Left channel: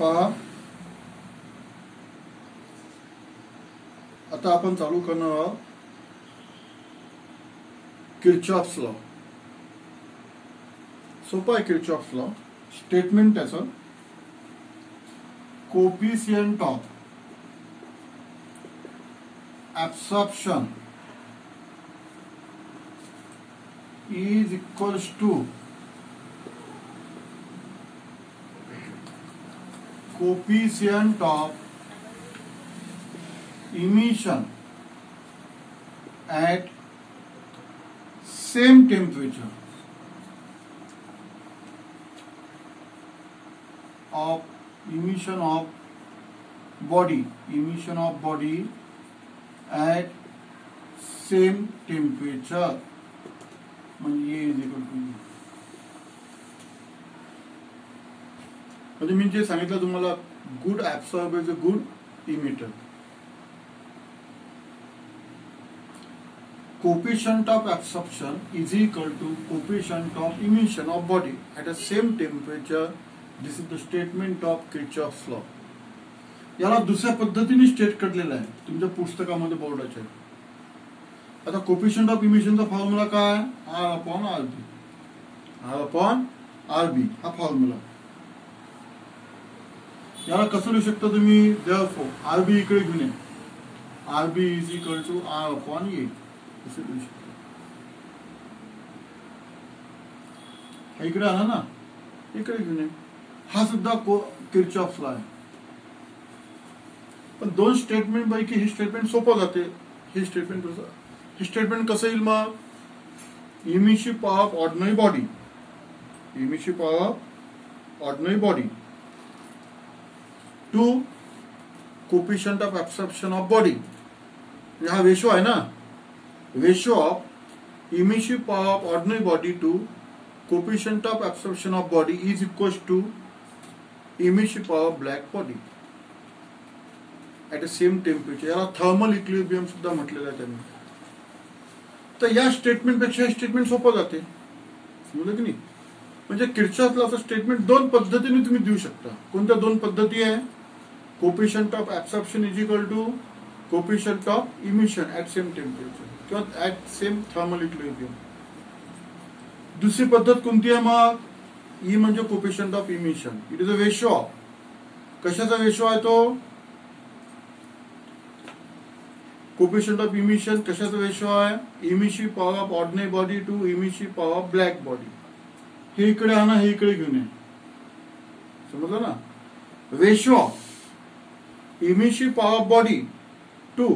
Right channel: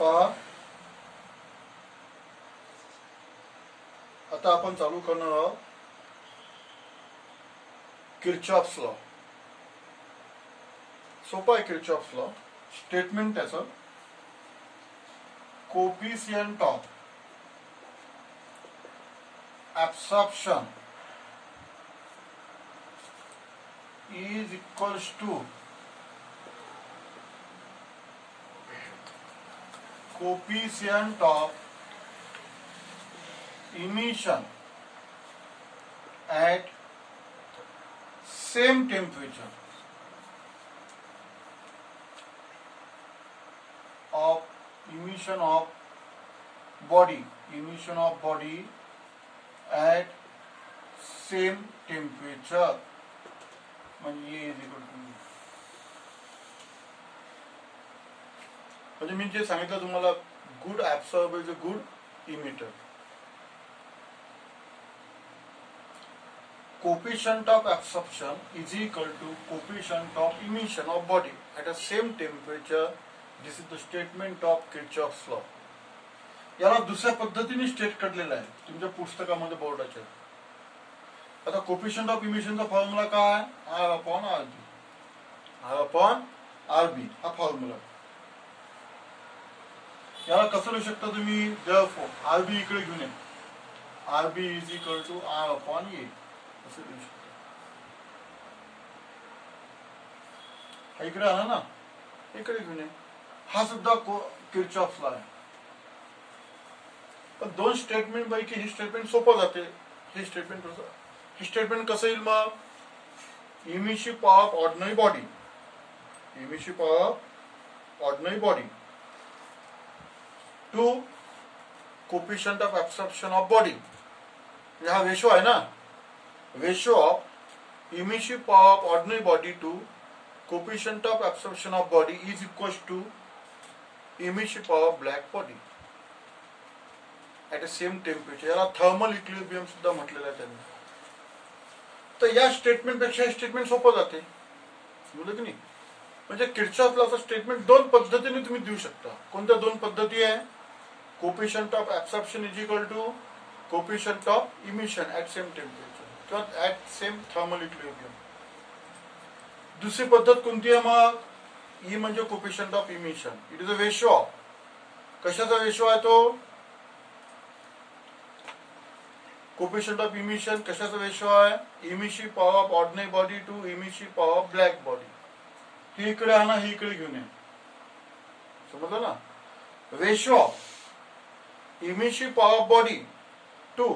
पहा आता आपण चालू करणार आहोत किर्चॉफ्स लॉ. सोपा आहे किर्चॉफ्स लॉ. स्टेटमेंट त्याचं coefficient of absorption is equals to coefficient of emission at same temperature of emission of body at same temperature म्हणजे म्हणजे मी जे सांगितलं तुम्हाला good absorber is a good emitter. Coefficient of absorption is equal to coefficient of emission of body at a same temperature. This is the statement of Kirchhoff's law. याला दुसऱ्या पद्धतीने state करलेलं आहे तुमच्या पुस्तकामध्ये बोर्डाच्या. आता कोफिशियंट ऑफ इमिशनचा formula काय? R upon RB. हा फॉर्म्युला. याला कसं लिहू शकता तुम्ही? देअरफॉर आरबी इकडे घेऊन ये. RB is equal to R upon A असं लिहू शकता. हा इकडे आला ना, इकडे घेऊन ये. हा सुद्धा किर्चॉफ्स लॉ आहे. पण दोन स्टेटमेंट पैकी ही स्टेटमेंट सोपं जाते. हे स्टेटमेंट कसं येईल मग? Emission of ordinary body to coefficient of absorption of body. हा रेशो आहे ना. Ratio of emission of ordinary body to coefficient of absorption of body is equal to emission of black body at a same temperature. याला thermal equilibrium सुद्धा म्हटलेलं आहे त्यांनी. तर या स्टेटमेंट पेक्षा हे स्टेटमेंट सोपं जाते. समजलं तुम्ही? म्हणजे किर्चॉफ्स लॉचं स्टेटमेंट दोन पद्धतीने तुम्ही देऊ शकता. कोणत्या दोन पद्धती आहे? Coefficient of absorption is equal to coefficient of emission at same temperature किंवा ऍट सेम थर्मल इक्विलिब्रियम. दुसरी पद्धत कोणती आहे मग? ई म्हणजे coefficient of emission. It is a ratio of. कशाचा रेशो आहे तो? कोफिशियंट ऑफ इमिशन कशाचा रेशो आहे? Emission power of ordinary body to emission power of black body. हे इकडे आणा, हे इकडे घेऊन ये. समजलं ना? Ratio of emission power of body to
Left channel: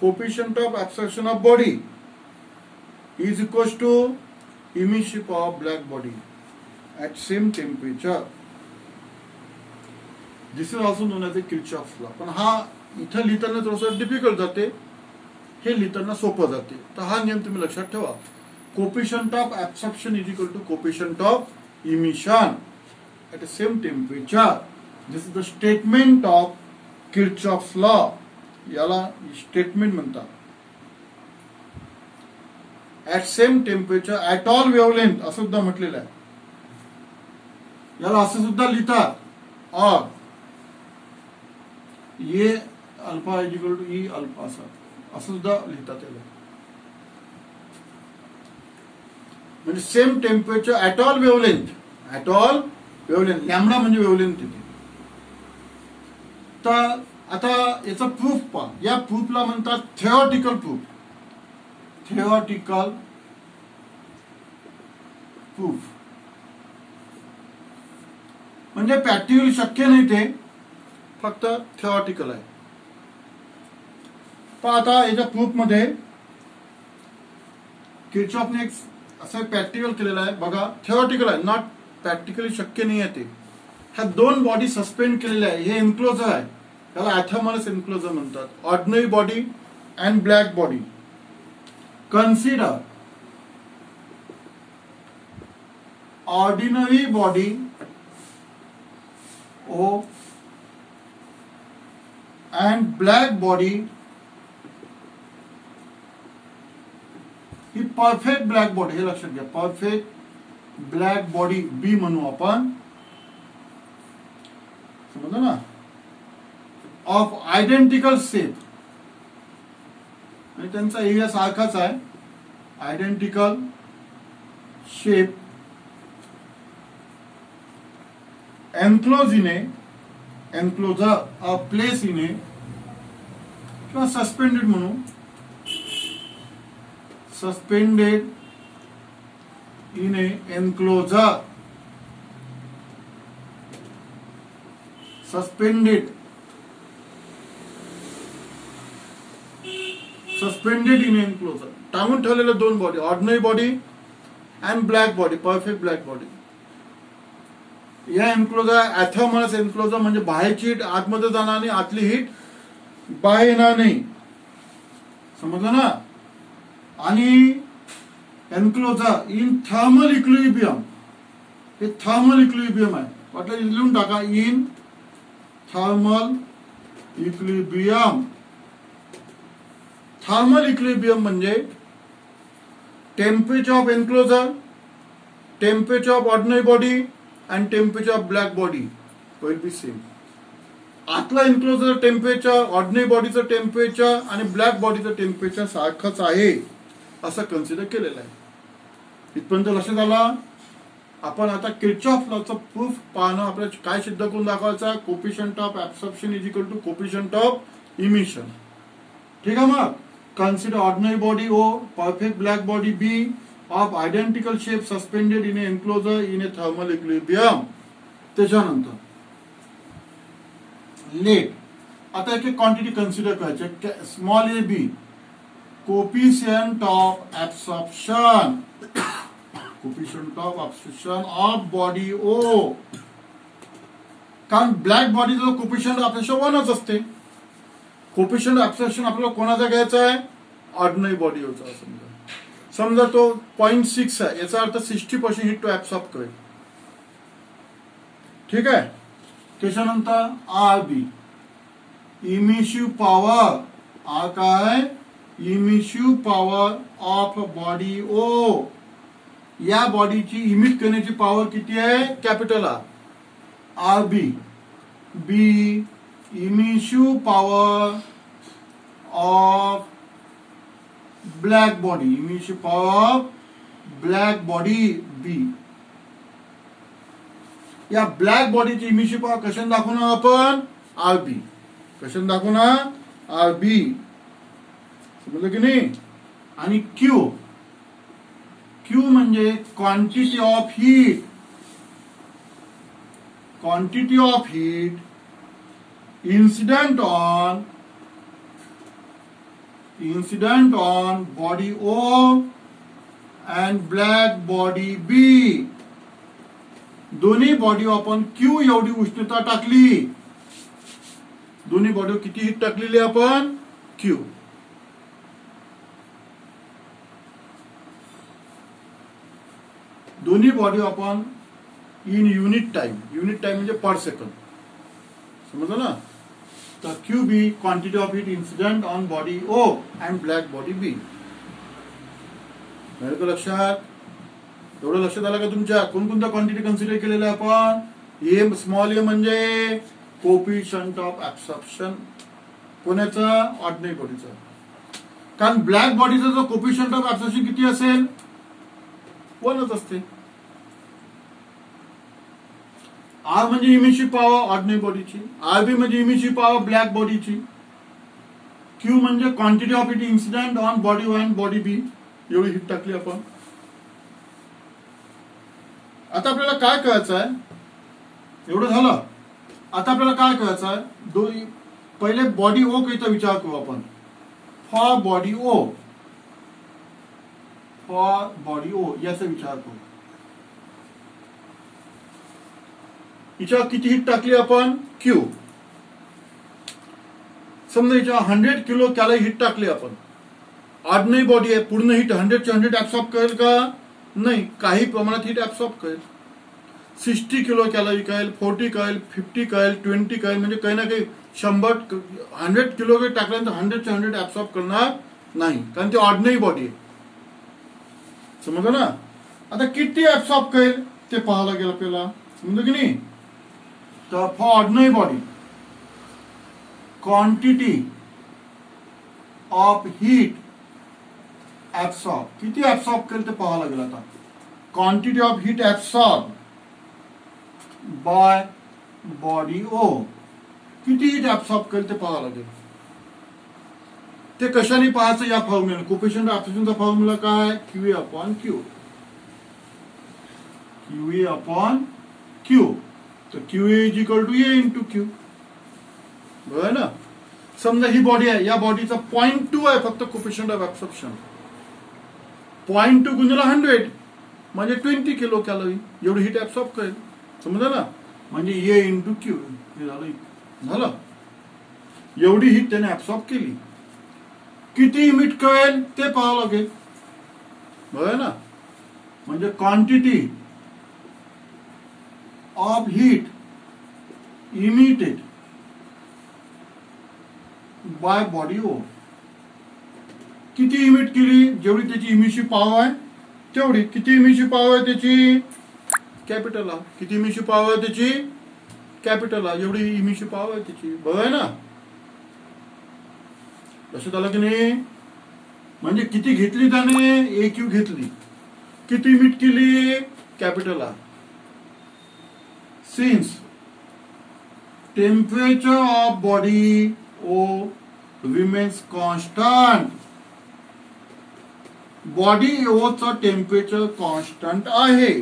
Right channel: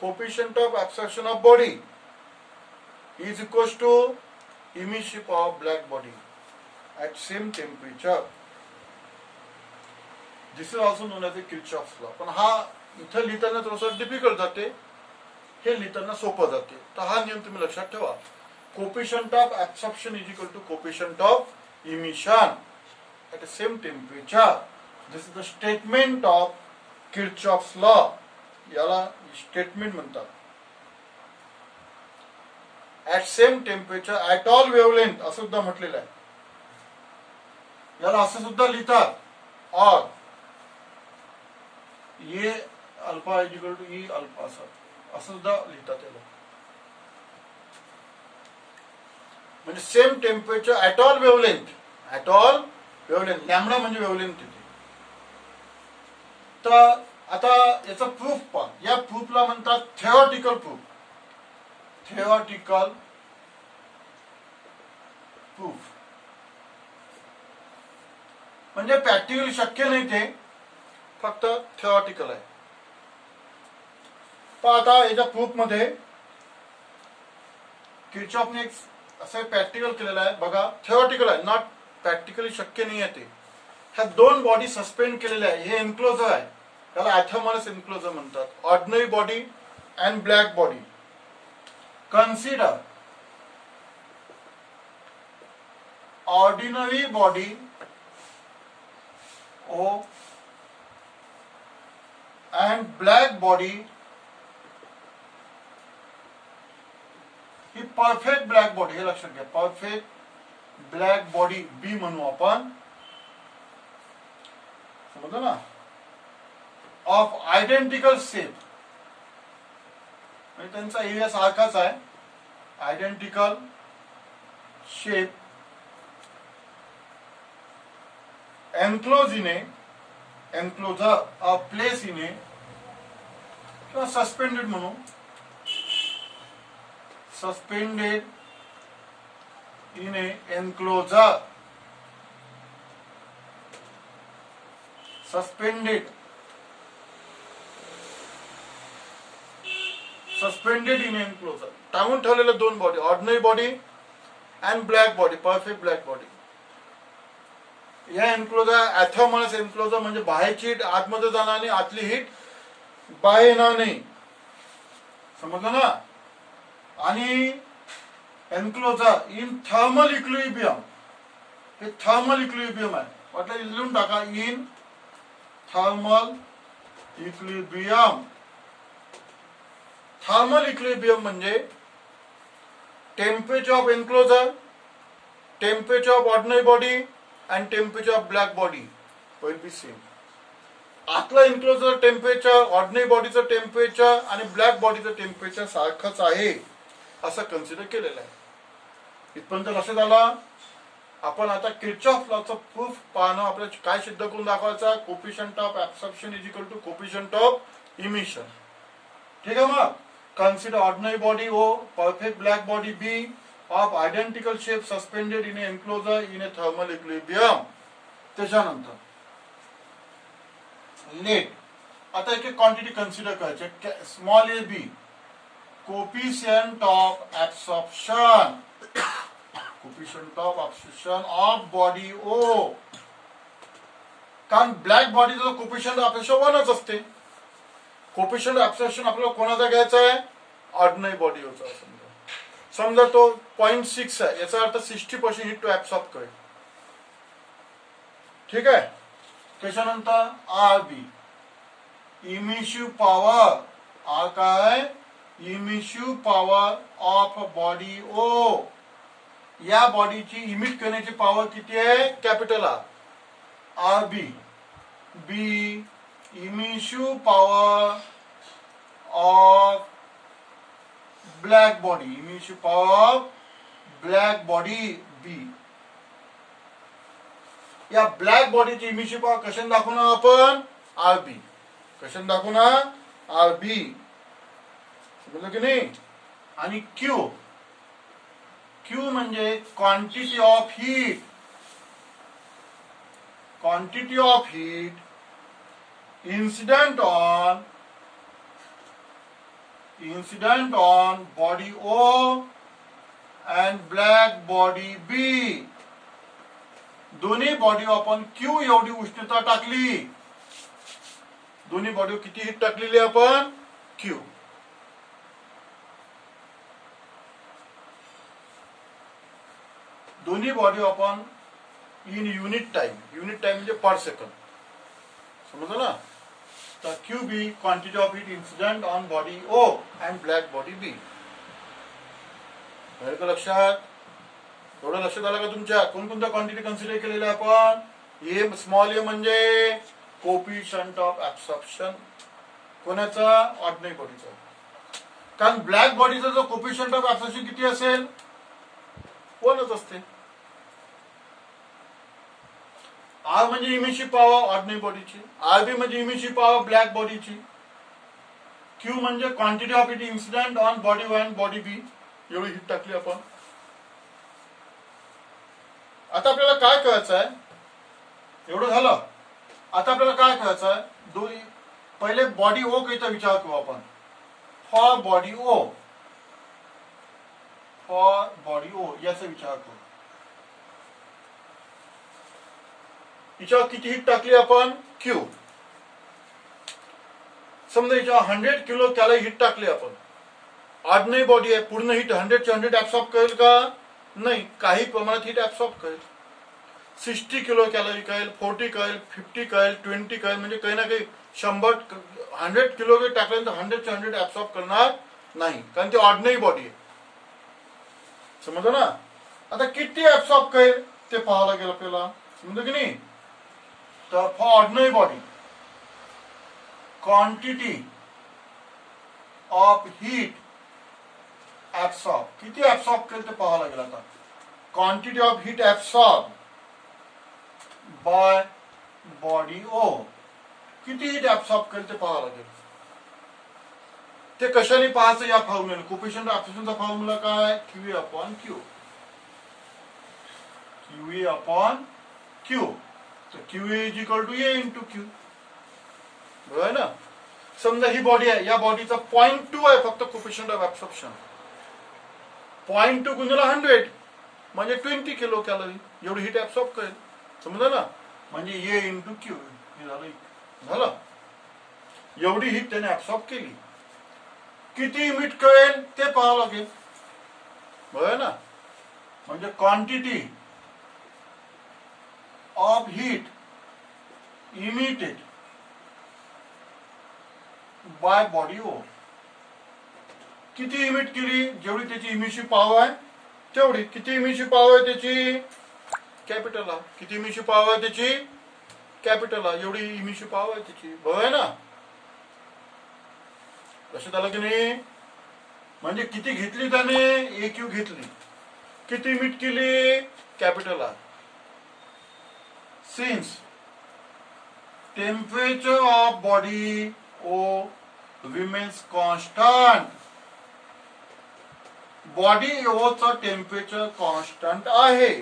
coefficient of absorption of body is equal to emission power of black body at same temperature. This is also known as a Kirchhoff's law. पण हा इथं लिहिताना थोडंसं difficult जाते, हे लिहिताना सोपं जाते. तर हा नियम तुम्ही लक्षात ठेवा. Coefficient of absorption is equal to coefficient of emission at a same temperature. This is the statement of Kirchhoff's law. याला स्टेटमेंट म्हणतात. At same temperature at all wavelength असं सुद्धा म्हटलेलं आहे. याला असं सुद्धा लिहितात. और ये alpha is equal to E alpha असं सुद्धा लिहितात त्याला. म्हणजे same temperature at all wavelength. Lambda म्हणजे वेव्हलेंथ. तर आता याचा प्रूफ पहा. या प्रूफला म्हणतात थिओरिटिकल प्रूफ. म्हणजे प्रॅक्टिकली शक्य नाही, ते फक्त थिओरिटिकल आहे. पण आता याच्या प्रूफ मध्ये किर्चॉफने एक असं प्रॅक्टिकल केलेलं आहे. बघा, थिओरिटिकल आहे, नॉट प्रॅक्टिकली शक्य नाही आहे ते. ह्या दोन बॉडी सस्पेंड केलेल्या आहे. हे एन्क्लोजर आहे, त्याला ऍथर्मलस एन्क्लोजर म्हणतात. Ordinary body and black body. Consider ordinary body O and black body he perfect black body. हे लक्षात घ्या, परफेक्ट ब्लॅक बॉडी बी म्हणू आपण. समजलं ना, ऑफ आयडेंटिकल शेप, म्हणजे त्यांचा एरिया सारखाच आहे, identical shape, enclosure a place in a, किंवा सस्पेंडेड म्हणू, suspended in a enclosure, suspended in enclosure, टांगून ठेवलेलं दोन body, ordinary body and black body, perfect black body. या एन्क्लोजर ऍथर्मस एन्क्लोजर म्हणजे बाहेरची हीट आतमध्ये जाणार नाही, आतली हीट बाहेर येणार नाही, समजलं ना. आणि एन्क्लोजर इन थर्मल इक्विलिब्रियम, हे थर्मल इक्विलिब्रियम आहे, वाटलं लिहून टाका, in thermal equilibrium. Thermal equilibrium म्हणजे temperature of enclosure, temperature of ordinary body and temperature of black body will be same. आतला एन्क्लोजर टेम्परेचर, ऑर्डिनरी बॉडीचं टेम्परेचर आणि ब्लॅक बॉडीचं टेम्परेचर सारखंच आहे असं कन्सिडर केलेलं आहे. इथपर्यंत लक्षात आलं. आपण आता किर्चॉफ लॉचं प्रूफ पाहणं, आपल्याला काय सिद्ध करून दाखवायचं, coefficient of absorption is equal to coefficient of emission. ठीक आहे. मग consider ordinary body O, perfect black body B, of identical shape, suspended in enclosure in a thermal equilibrium. त्याच्यानंतर लेट, आता एक क्वांटिटी कन्सिडर करायची, small A B, coefficient of absorption, coefficient of absorption of body O. कारण black बॉडीचा coefficient of absorption 1च असते. Coefficient of absorption आपल्याला कोणाचा घ्यायचा आहे, ऑर्डिनरी बॉडीचा. समजा तो 0.6 आहे, याचा अर्थ 60% हीट टू ऍब्सॉर्ब करेल. ठीक आहे. त्याच्यानंतर R B, emissive power, R काय, emissive power of body O. या बॉडीची इमिट करण्याची पॉवर किती आहे, capital R. R B, B emissive power of black body, emissive power of black body B. या ब्लॅक बॉडीची इमिशिव्ह पॉवर कशाने दाखवणार आपण, आर बी. कशाने दाखवणार, आर बी. समजलं की नाही. आणि क्यू, क्यू म्हणजे quantity of heat, quantity of heat incident on body O and black body B. दोन्ही बॉडी आपण Q एवढी उष्णता टाकली, दोन्ही बॉडी किती हीट टाकलेली आपण, Q. दोन्ही बॉडी आपण in unit time, unit time म्हणजे पर सेकंड. समजलं ना. तर Q B, quantity of heat incident on body O and black body B. लक्षात, एवढं लक्षात आलं का तुमच्या. कोणकोणत्या क्वांटिटी कन्सिडर केलेल्या आपण, ए स्मॉल ए म्हणजे कोफिशियंट ऑफ ऍब्सॉर्प्शन, कोणाचा, ऑर्डिनरी बॉडीचा. कारण ब्लॅक बॉडीचा जो कोफिशियंट ऑफ ऍब्सॉर्प्शन किती असेल, 1च असते. आर म्हणजे इमिशिव्ह पॉवर ऑर्डिनरी बॉडीची, आर बी म्हणजे इमिशिव्ह पॉवर ब्लॅक बॉडीची, क्यू म्हणजे quantity of heat incident on body O and body B. एवढी हीट टाकली आपण. आता आपल्याला काय करायचं आहे, एवढं झालं. आता आपल्याला काय करायचं आहे, पहिले बॉडी ओ काहीचा विचार करू आपण. For body O, for body O याचा विचार करू. हिच्यावर किती हीट टाकली आपण, क्यू. समजा हिच्यावर 100 किलो कॅलरी हीट टाकली आपण. ऑर्डिनरी बॉडी आहे, पूर्ण हीट 100 ऍब्सॉर्ब करेल का, नाही, काही प्रमाणात हीट ऍब्सॉर्ब करेल. 60 किलो कॅलरी कळेल, 40 कळेल, 50 कळेल, 20 कळेल, म्हणजे काही ना काही 100 किलो टाकल्यानंतर 100 ऍब्सॉर्ब करणार नाही, कारण ती ऑर्डिनरी बॉडी आहे. समजलं ना. आता किती ऍब्सॉर्ब करेल ते पाहायला गेलं आपल्याला, समजलं की नाही. तर for ordinary body quantity of heat absorb, किती ऍब्सॉर्ब केलं ते पाहावं लागेल. आता quantity of heat absorb by body O, किती हीट ऍब्सॉर्ब केलं ते पाहावं लागेल. ते कशाने पाहायचं या फॉर्म्युला, कोफिशियंट ऑफ ऍब्सॉर्प्शनचा फॉर्म्युला काय, QA upon Q, QA upon Q. तर QA is equal to A into Q, बरोबर ना. समजा ही बॉडी आहे, या बॉडीचा 0.2 आहे फक्त कोफिशियंट ऑफ ऍब्सॉर्प्शन. 0.2 गुणिले 100 म्हणजे 20 किलो कॅलरी एवढी हीट ऍब्सॉर्ब करेल, समजलं ना. म्हणजे ए इंटू क्यू हे झालं. एवढी हीट त्याने ऍब्सॉर्ब केली. किती इमिट करेल ते पाहावं लागेल, बरोबर ना. म्हणजे quantity of heat emitted by body O, किती इमिट केली, जेवढी त्याची इमिशिव्ह पॉवर आहे तेवढी. किती इमिशिव्ह पॉवर आहे त्याची, कॅपिटल आर. किती इमिशिव्ह पॉवर आहे त्याची, कॅपिटल आर. एवढी इमिशिव्ह पॉवर आहे त्याची, बरोबर आहे ना. लक्षात आलं की नाही. म्हणजे किती घेतली त्याने, ए क्यू घेतली. किती इमिट केली, capital R. Since temperature of body O remains constant, body ओचं टेम्परेचर कॉन्स्टंट आहे.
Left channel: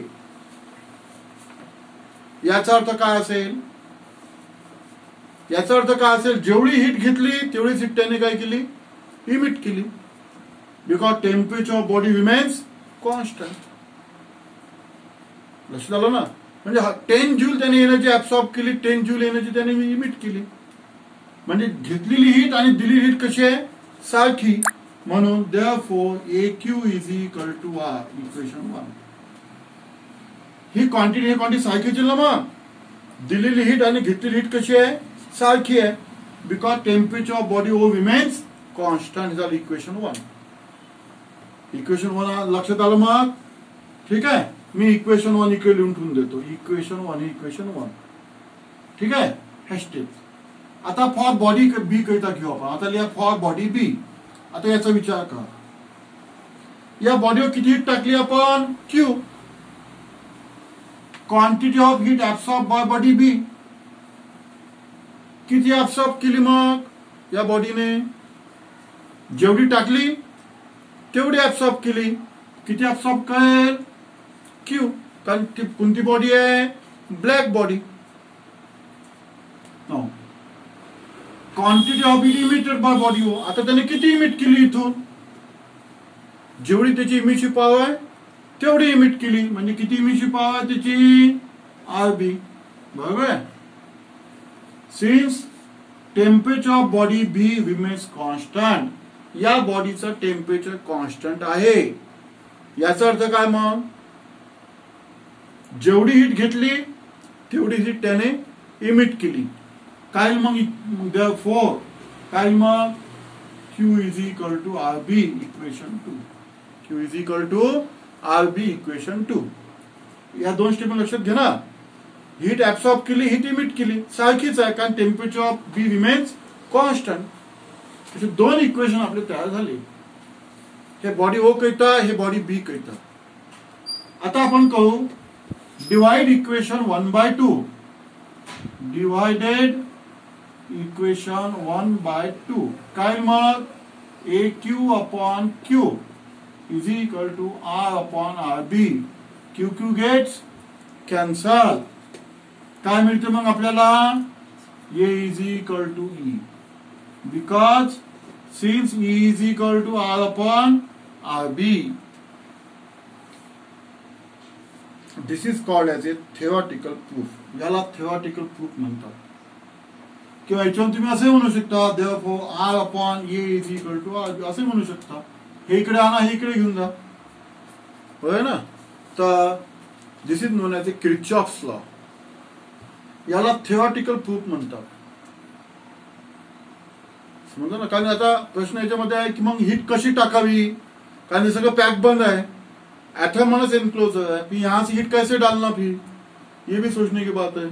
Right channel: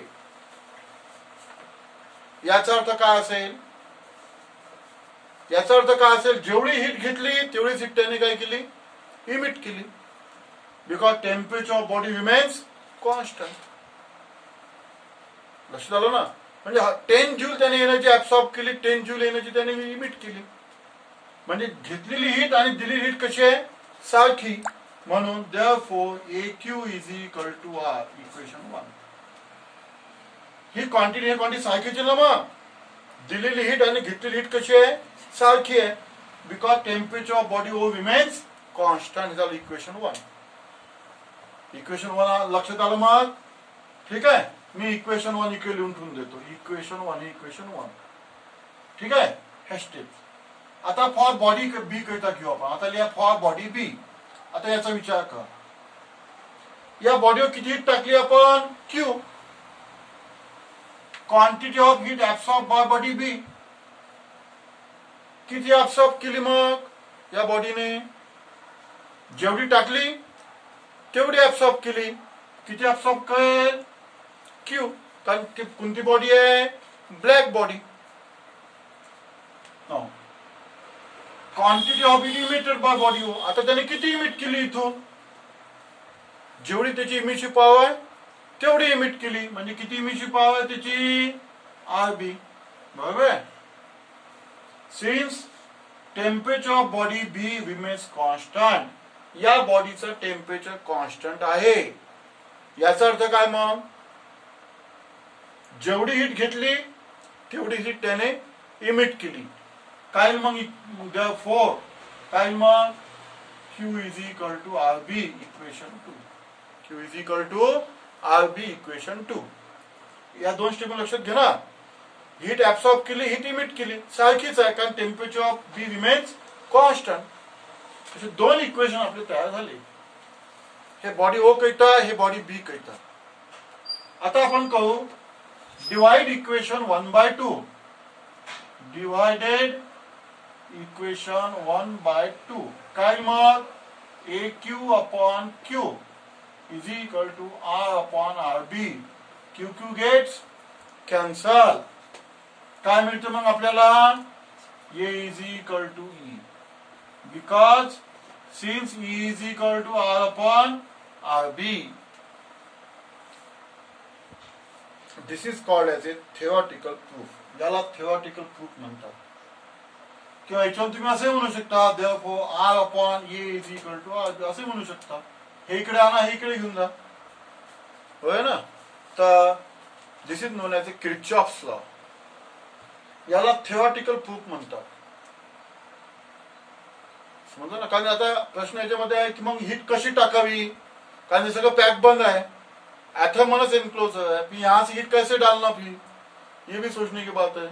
याचा अर्थ काय असेल, याचा अर्थ काय असेल, जेवढी हीट घेतली तेवढीच हीट त्याने काय केली, इमिट केली. Because temperature of body remains constant. लक्षात आलं ना. म्हणजे 10 जूल त्याने एनर्जी ऍब्सॉर्ब केली, 10 जूल एनर्जी त्याने इमिट केली. म्हणजे घेतलेली हीट आणि दिलेली हीट कशी आहे, सारखी. म्हणून therefore A Q is equal to R, equation 1. ही क्वांटिटी हे क्वांटिटी सारखीच आहे ना. मग दिलेली हीट आणि घेतलेली हीट कशी आहे, सारखी आहे. Because temperature of body O remains constant is equation 1. Equation 1 लक्षात आलं मग, ठीक आहे. मी इक्वेशन 1 इकडे लिहून ठेवून देतो. इक्वेशन 1 हे इक्वेशन 1, ठीक आहे. हॅशटॅग. आता फॉर बॉडी बी करिता घेऊ आपण. आता लिहा फॉर बॉडी बी. आता याचा विचार करा, या बॉडीवर किती हीट टाकली आपण, Q. Quantity of heat absorb by body B, किती ऍब्सॉर्ब केली मग या बॉडीने, जेवढी टाकली तेवढी ऍब्सॉर्ब केली. किती ऍब्सॉर्ब करेल, क्यू. कारण कोणती बॉडी आहे, black body. Quantity of heat emitted by body O, आता त्याने किती इमिट केली इथून, जेवढी त्याची इमिशिव्ह पॉवर आहे तेवढी इमिट केली. म्हणजे किती इमिशिव्ह पॉवर आहे त्याची, आर बी, बरोबर आहे. Since temperature of body B remains constant, या बॉडीचं टेम्परेचर कॉन्स्टंट आहे. याचा अर्थ काय मग, जेवढी हीट घेतली तेवढी हीट त्याने इमिट केली. काय मग, देअरफॉर काय मग, Q is equal to R B, equation 2. Q is equal to R B, equation 2. या दोन स्टेप लक्षात घे ना. हीट ऍब्सॉर्ब केली, हीट इमिट केली, सारखीच आहे. कारण temperature of B remains constant. असे दोन इक्वेशन आपले तयार झाले. हे बॉडी ओ करिता, हे बॉडी बी करिता. आता आपण करू डिवाइड इक्वेशन 1/2. डिवाइडेड इक्वेशन 1/2 काय मग, A Q upon Q is equal to R upon R B. Q Q gets cancel. काय मिळतं मग आपल्याला, A is equal to E. Because since E is equal to R upon R B. This is called as a theoretical proof. याला theoretical proof म्हणतात. किंवा याच्यावर तुम्ही असे म्हणू शकता, therefore R upon A is equal to R, असे म्हणू शकता. हे इकडे आणा, हे इकडे घेऊन जा, होय ना. तर this is known as a Kirchhoff's law. याला थिओरिटिकल प्रूफ म्हणतात, समजलं ना. कारण आता प्रश्न याच्यामध्ये आहे की मग हीट कशी टाकावी, कारण हे सगळं पॅक बंद है, एटम माइनस एनक्लोजर है, फिर यहां से हीट कैसे डालना, फिर ये भी सोचने की बात है,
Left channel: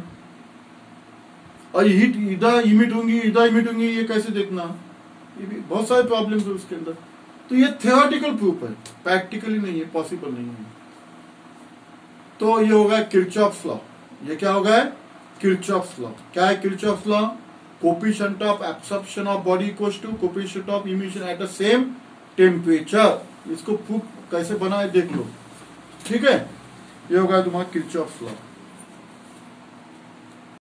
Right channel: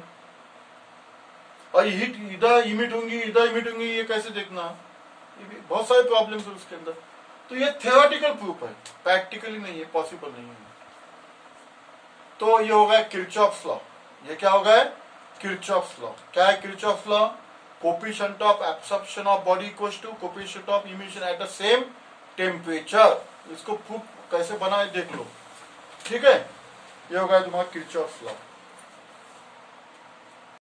और हीट इधर इमिट होंगी, ये कैसे देखना, ये भी बहुत सारे प्रॉब्लम्स है उसके अंदर। तो ये थियोरेटिकल प्रूफ है, प्रैक्टिकली नहीं है, पॉसिबल नहीं है। तो ये हो गया किरचॉफ्स लॉ। ये क्या हो गया, किरचॉफ्स लॉ। क्या है Kirchhoff's law? Coefficient of absorption of body equals to coefficient of emission at the same temperature. इसको प्रूफ कैसे बना है देख लो, ठीक है। ये हो गया तुम्हारा किरचॉफ्स लॉ।